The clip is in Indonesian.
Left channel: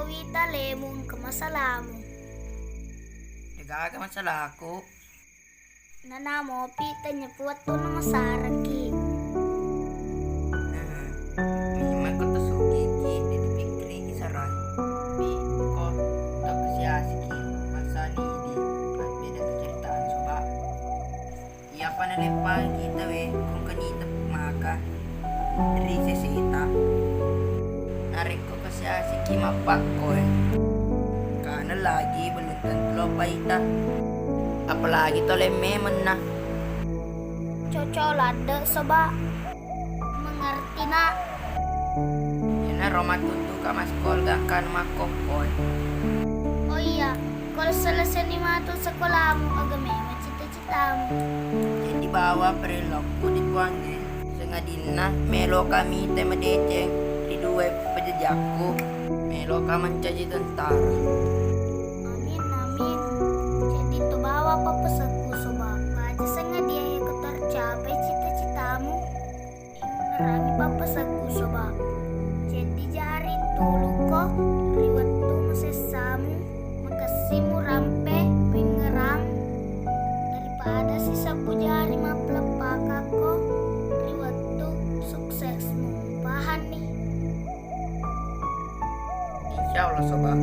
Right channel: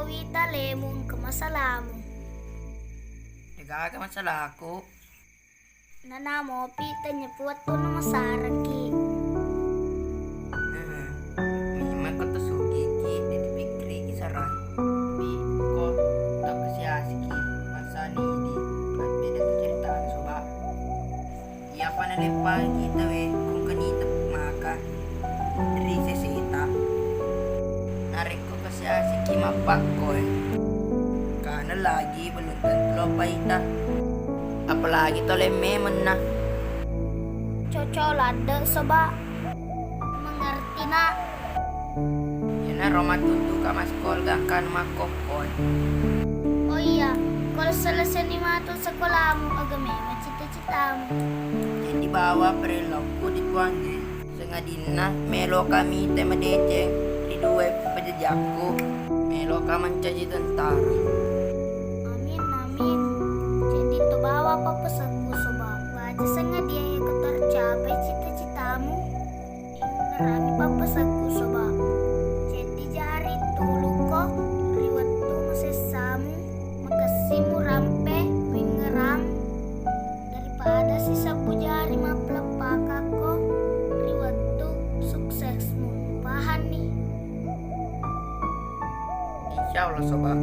ko wita lemong ke masalah mo. Nagaga masalah ako. Nanamo pita niya puwat to na masaraki. Mahimay ko to sugi ki. Didi pikri ki saray. Bi ko to kasyasiki. Masani di. At beda keceritaan soba. Iya pa nalimpang kita kung kanita maka. Dari sesita. Narik ko kasyasiki mapak ko Kana lagi baluntan tlo pa ita. Apalagi to lememon na. Cocolade soba. Mengerti na. Yan na romatutu ka mas kolga kan makokoy. Oh iya, kalau selesai ni mato sekolah mo agame cita-cita mo. Jadi bawa prelok ko di tuange. Sengadin na melo kami tema deceng di dua pajajakku. Melo ka mancaji tentara. Amin amin. Jadi to bawa papasagku soba. Baca senga dia yang tercapai cita-citamu. Ingerangi papasagku soba. Jadi jari tulu ko riwat tu masesamu. Makasimu rampe wingerang. Daripada sisa bujari maplepak ko. Riwat tu suksesmu. Pahan nih. Insya Allah soba.